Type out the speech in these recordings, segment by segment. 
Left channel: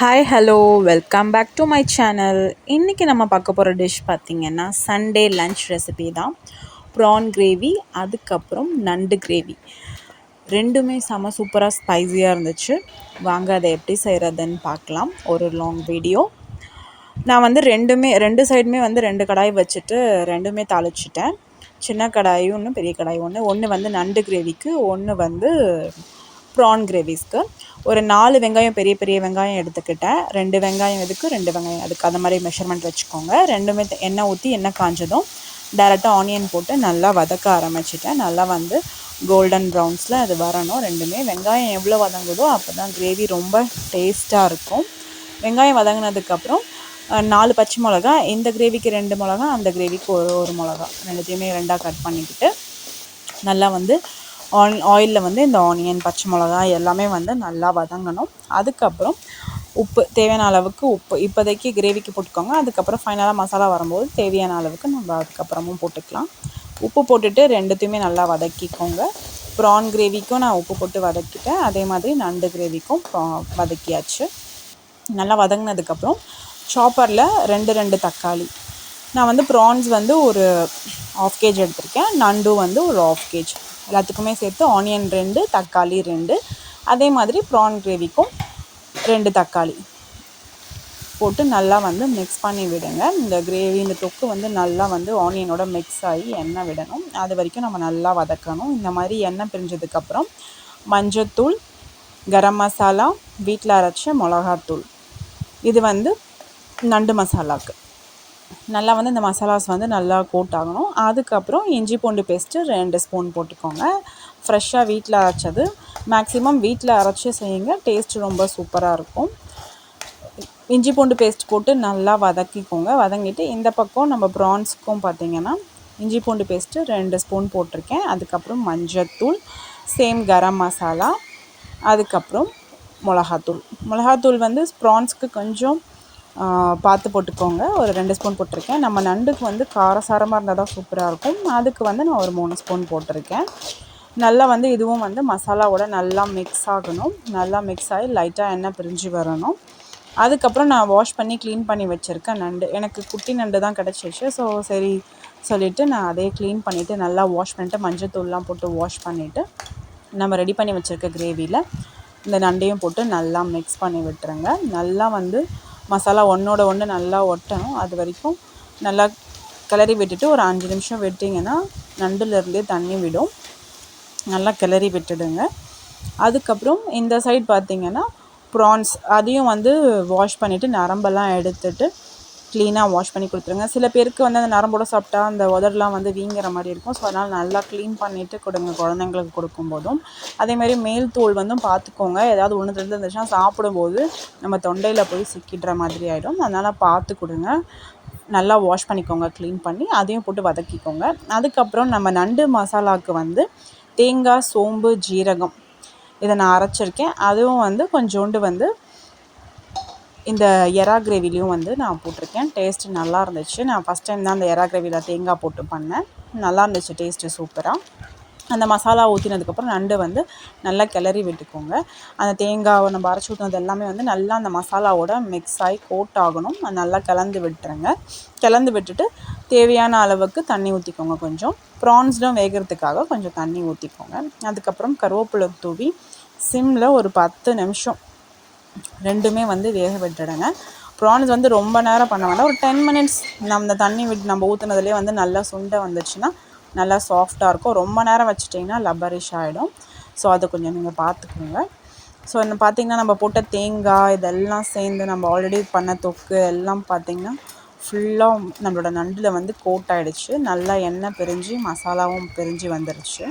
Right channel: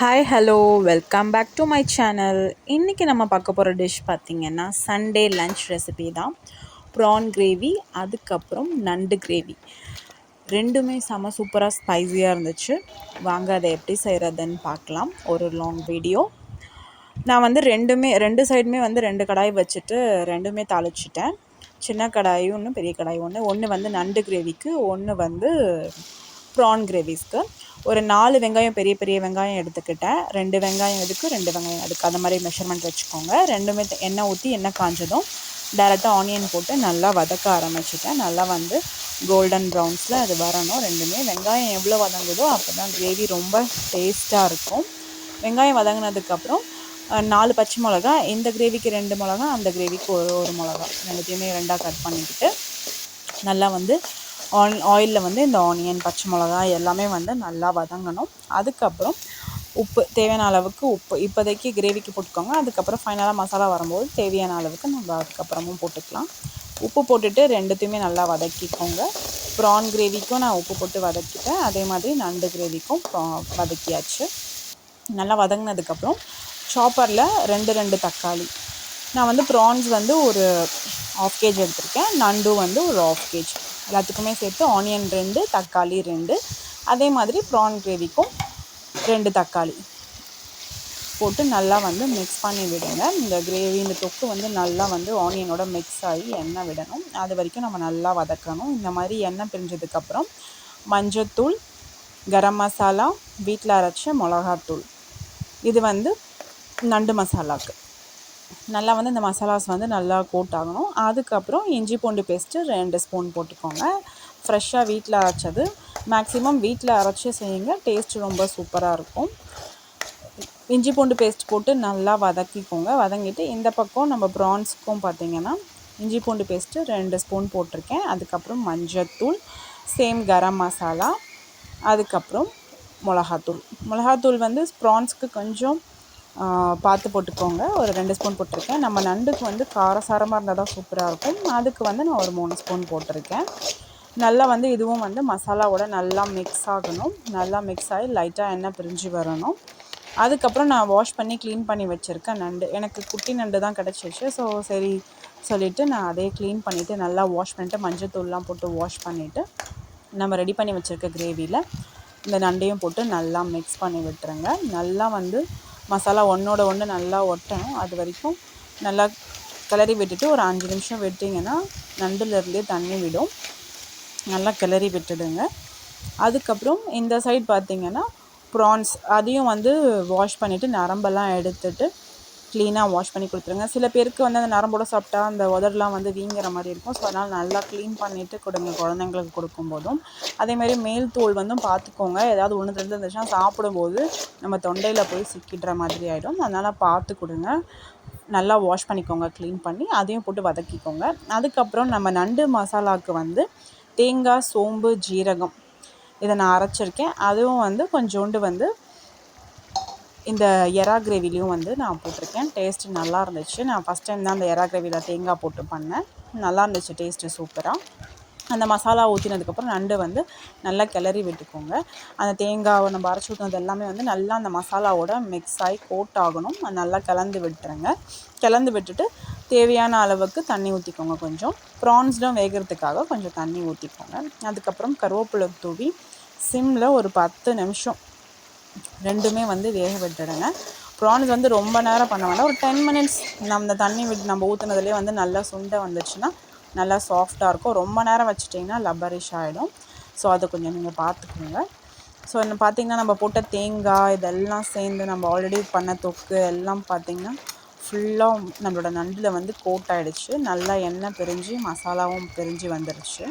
Hi hello welcome back to my channel. இன்றைக்கி நம்ம பார்க்க போகிற டிஷ் பார்த்திங்கன்னா சண்டே லன்ச் ரெசிபி தான். ப்ரான் கிரேவி, அதுக்கப்புறம் நண்டு கிரேவி. ரெண்டுமே செம சூப்பராக ஸ்பைஸியாக இருந்துச்சு. வாங்க அதை எப்படி செய்கிறதுன்னு பார்க்கலாம். ஒரு லாங் வீடியோ. நான் வந்து ரெண்டு சைடுமே வந்து 2 கடாய் வச்சுட்டு ரெண்டுமே தாளிச்சிட்டேன். சின்ன கடாய் ஒன்று, பெரிய கடாய் ஒன்று வந்து நண்டு கிரேவிக்கு, ஒன்று வந்து ப்ரான் கிரேவிஸ்க்கு. ஒரு 4 வெங்காயம், பெரிய பெரிய வெங்காயம் எடுத்துக்கிட்டேன். 2 வெங்காயம் இதுக்கு, 2 வெங்காயம் அதுக்கு, அந்த மாதிரி மெஷர்மெண்ட் வச்சுக்கோங்க. ரெண்டுமே எண்ணெய் ஊற்றி எண்ணெய் காஞ்சதும் டேரெக்டாக ஆனியன் போட்டு நல்லா வதக்க ஆரம்பிச்சிட்டேன். நல்லா வந்து கோல்டன் ப்ரௌன்ஸில் அது வரணும். ரெண்டுமே வெங்காயம் எவ்வளோ வதங்குதோ அப்போ தான் கிரேவி ரொம்ப டேஸ்ட்டாக இருக்கும். வெங்காயம் வதங்கினதுக்கப்புறம் 4 பச்சை மிளகா, இந்த கிரேவிக்கு 2 மிளகா, அந்த கிரேவிக்கு ஒரு மிளகா, ரெண்டுத்தையுமே 2ஆக கட் பண்ணிக்கிட்டு நல்லா வந்து ஆயிலில் வந்து இந்த ஆனியன், பச்சை மிளகா எல்லாமே வந்து நல்லா வதங்கணும். அதுக்கப்புறம் உப்பு, தேவையான அளவுக்கு உப்பு இப்போதைக்கு கிரேவிக்கு போட்டுக்கோங்க. அதுக்கப்புறம் ஃபைனலாக மசாலா வரும்போது தேவையான அளவுக்கு நம்ம அதுக்கப்புறமும் போட்டுக்கலாம். உப்பு போட்டுட்டு ரெண்டுத்தையுமே நல்லா வதக்கிக்கோங்க. ப்ரான் கிரேவிக்கும் நான் உப்பு போட்டு வதக்கிட்டேன். அதே மாதிரி நண்டு கிரேவிக்கும் வதக்கியாச்சு. நல்லா வதங்கினதுக்கப்புறம் சாப்பரில் 2 தக்காளி, நான் வந்து ப்ரான்ஸ் வந்து ஒரு 1/2 கேஜி எடுத்திருக்கேன். நண்டு வந்து ஒரு 1/2 கேஜி, எல்லாத்துக்குமே சேர்த்து ஆனியன் 2, தக்காளி 2. அதே மாதிரி ப்ரான் கிரேவிக்கும் 2 தக்காளி போட்டு நல்லா வந்து மிக்ஸ் பண்ணி விடுங்க. இந்த கிரேவி, இந்த தொக்கு வந்து நல்லா வந்து ஆனியனோட மிக்ஸ் ஆகி எண்ணெய் விடணும். அது வரைக்கும் நம்ம நல்லா வதக்கணும். இந்த மாதிரி எண்ணெய் பிரிஞ்சதுக்கப்புறம் மஞ்சத்தூள், கரம் மசாலா, வீட்டில் அரைச்ச மிளகாத்தூள், இது வந்து நண்டு மசாலாவுக்கு. நல்லா வந்து இந்த மசாலாஸ் வந்து நல்லா கோட் ஆகணும். அதுக்கப்புறம் இஞ்சி பூண்டு பேஸ்ட்டு 2 ஸ்பூன் போட்டுக்கோங்க. ஃப்ரெஷ்ஷாக வீட்டில் அரைச்சது. மேக்ஸிமம் வீட்டில் அரைச்சி செய்யுங்க, டேஸ்ட்டு ரொம்ப சூப்பராக இருக்கும். இஞ்சி பூண்டு பேஸ்ட் போட்டு நல்லா வதக்கிக்கோங்க. வதங்கிட்டு இந்த பக்கம் நம்ம ப்ரான்ஸுக்கும் பார்த்திங்கன்னா இஞ்சி பூண்டு பேஸ்ட்டு 2 ஸ்பூன் போட்டிருக்கேன். அதுக்கப்புறம் மஞ்சத்தூள், சேம் கரம் மசாலா, அதுக்கப்புறம் மிளகாத்தூள் வந்து ப்ரான்ஸ்க்கு கொஞ்சம் பார்த்து போட்டுக்கோங்க. ஒரு 2 ஸ்பூன் போட்டிருக்கேன். நம்ம நண்டுக்கு வந்து காரசாரமாக இருந்தால் தான் சூப்பராக இருக்கும். அதுக்கு வந்து நான் ஒரு 3 ஸ்பூன் போட்டிருக்கேன். நல்லா வந்து இதுவும் வந்து மசாலாவோட நல்லா மிக்ஸ் ஆகணும். நல்லா மிக்ஸ் ஆகி லைட்டாக எண்ணெய் பிரிஞ்சு வரணும். அதுக்கப்புறம் நான் வாஷ் பண்ணி க்ளீன் பண்ணி வச்சுருக்கேன் நண்டு. எனக்கு குட்டி நண்டு தான் கிடச்சிச்சு. ஸோ சரி சொல்லிவிட்டு நான் அதே க்ளீன் பண்ணிவிட்டு நல்லா வாஷ் பண்ணிவிட்டு மஞ்சத்தூள்லாம் போட்டு வாஷ் பண்ணிவிட்டு நம்ம ரெடி பண்ணி வச்சுருக்க கிரேவியில் இந்த நண்டையும் போட்டு நல்லா மிக்ஸ் பண்ணி விட்டுருங்க. நல்லா வந்து மசாலா ஒன்றோட ஒன்று நல்லா ஒட்டணும். அது வரைக்கும் நல்லா கிளறி விட்டுட்டு ஒரு 5 நிமிஷம் விட்டிங்கன்னா நண்டுலேருந்தே தண்ணி விடும். நல்லா கிளறி விட்டுடுங்க. அதுக்கப்புறம் இந்த சைட் பார்த்திங்கன்னா ப்ரான்ஸ், அதையும் வந்து வாஷ் பண்ணிவிட்டு நரம்பெல்லாம் எடுத்துட்டு க்ளீனாக வாஷ் பண்ணி கொடுத்துருங்க. சில பேருக்கு வந்து அந்த நரம்போடு சாப்பிட்டா அந்த உதடெலாம் வந்து வீங்கிற மாதிரி இருக்கும். ஸோ அதனால் நல்லா க்ளீன் பண்ணிவிட்டு கொடுங்க குழந்தைங்களுக்கு கொடுக்கும்போதும். அதேமாதிரி மேல் தோல் வந்து பார்த்துக்கோங்க. ஏதாவது ஒன்று ரெண்டு இருந்துச்சுன்னா சாப்பிடும்போது நம்ம தொண்டையில் போய் சிக்கிடுற மாதிரி ஆகிடும். அதனால் பார்த்து கொடுங்க. நல்லா வாஷ் பண்ணிக்கோங்க, க்ளீன் பண்ணி அதையும் போட்டு வதக்கிக்கோங்க. அதுக்கப்புறம் நம்ம நண்டு மசாலாவுக்கு வந்து தேங்காய், சோம்பு, ஜீரகம் இதை நான் அரைச்சிருக்கேன். அதுவும் வந்து கொஞ்சோண்டு வந்து இந்த எறா கிரேவிலையும் வந்து நான் போட்டிருக்கேன். டேஸ்ட்டு நல்லா இருந்துச்சு. நான் ஃபஸ்ட் டைம் தான் அந்த எறா கிரேவியில் தேங்காய் போட்டு பண்ணேன். நல்லா இருந்துச்சு டேஸ்ட்டு சூப்பராக. அந்த மசாலா ஊற்றினதுக்கப்புறம் நண்டு வந்து நல்லா கிளறி விட்டுக்கோங்க. அந்த தேங்காவை நம்ம அரைச்சி ஊற்றினது எல்லாமே வந்து நல்லா அந்த மசாலாவோட மிக்ஸ் ஆகி கோட் ஆகணும். அது நல்லா கலந்து விட்டுருங்க. கலந்து விட்டுட்டு தேவையான அளவுக்கு தண்ணி ஊற்றிக்கோங்க. கொஞ்சம் ப்ரான்ஸ்டும் வேகிறதுக்காக கொஞ்சம் தண்ணி ஊற்றிக்கோங்க. அதுக்கப்புறம் கருவேப்பிலை தூவி சிம்மில் ஒரு 10 நிமிஷம் ரெண்டுமே வந்து வேக விட்டுடுங்க. ப்ரான்ஸ் வந்து ரொம்ப நேரம் பண்ண வேண்டாம். ஒரு 10 மினிட்ஸ் நம்ம தண்ணி விட்டு நம்ம ஊற்றுனதுலேயே வந்து நல்லா சுண்டை வந்துச்சுன்னா நல்லா சாஃப்டாக இருக்கும். ரொம்ப நேரம் வச்சுட்டிங்கன்னா லப்பரிஷ் ஆகிடும். ஸோ அதை கொஞ்சம் நீங்கள் பார்த்துக்கோங்க. ஸோ பார்த்திங்கன்னா நம்ம போட்ட தேங்காய் இதெல்லாம் சேர்ந்து நம்ம ஆல்ரெடி பண்ண தொக்கு எல்லாம் பார்த்திங்கன்னா ஃபுல்லாக நம்மளோட நண்டில் வந்து கோட் ஆகிடுச்சு. நல்லா எண்ணெய் பிரிஞ்சு மசாலாவும் பிரிஞ்சு வந்துடுச்சு.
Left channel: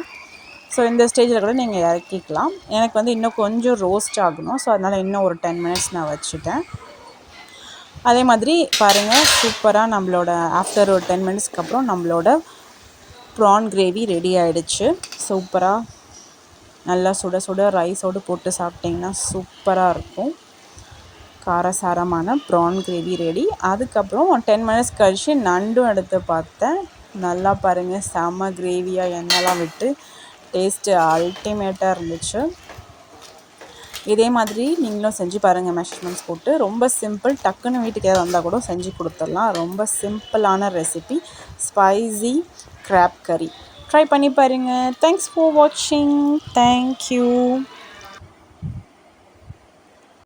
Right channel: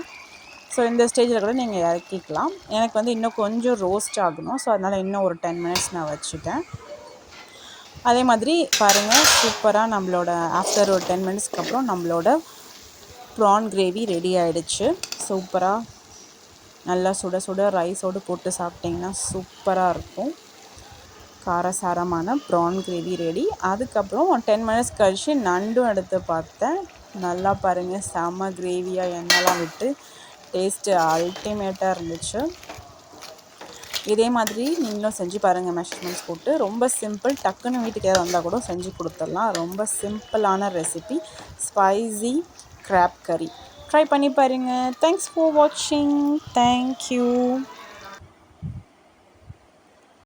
ஸோ இந்த ஸ்டேஜில் கூட நீங்கள் இறக்கிக்கலாம். எனக்கு வந்து இன்னும் கொஞ்சம் ரோஸ்ட் ஆகணும். ஸோ அதனால் இன்னும் ஒரு 10 மினிட்ஸ் நான் வச்சுட்டேன். அதே மாதிரி பாருங்கள், சூப்பராக நம்மளோட ஆஃப்டர் ஒரு 10 மினிட்ஸ்க்கு அப்புறம் நம்மளோட ப்ரான் கிரேவி ரெடி ஆகிடுச்சு. சூப்பராக நல்லா சுட சுட ரைஸோடு போட்டு சாப்பிட்டிங்கன்னா சூப்பராக இருக்கும். காரசாரமான ப்ரான் கிரேவி ரெடி. அதுக்கப்புறம் 10 மினிட்ஸ் கழிச்சு நண்டும் எடுத்து பார்த்தேன். நல்லா பாருங்கள், செம்ம கிரேவியாக எண்ணெய்லாம் விட்டு டேஸ்ட்டு அல்டிமேட்டாக இருந்துச்சு. இதே மாதிரி நீங்களும் செஞ்சு பாருங்கள். மெஷர்மெண்ட்ஸ் போட்டு ரொம்ப சிம்பிள். டக்குன்னு வீட்டுக்கு யாராவது வந்தால் கூட செஞ்சு கொடுத்துடலாம். ரொம்ப சிம்பிளான ரெசிபி ஸ்பைசி crab கறி. ட்ரை பண்ணி பாருங்கள். தேங்க்ஸ் ஃபார் வாட்சிங். தேங்க்யூ.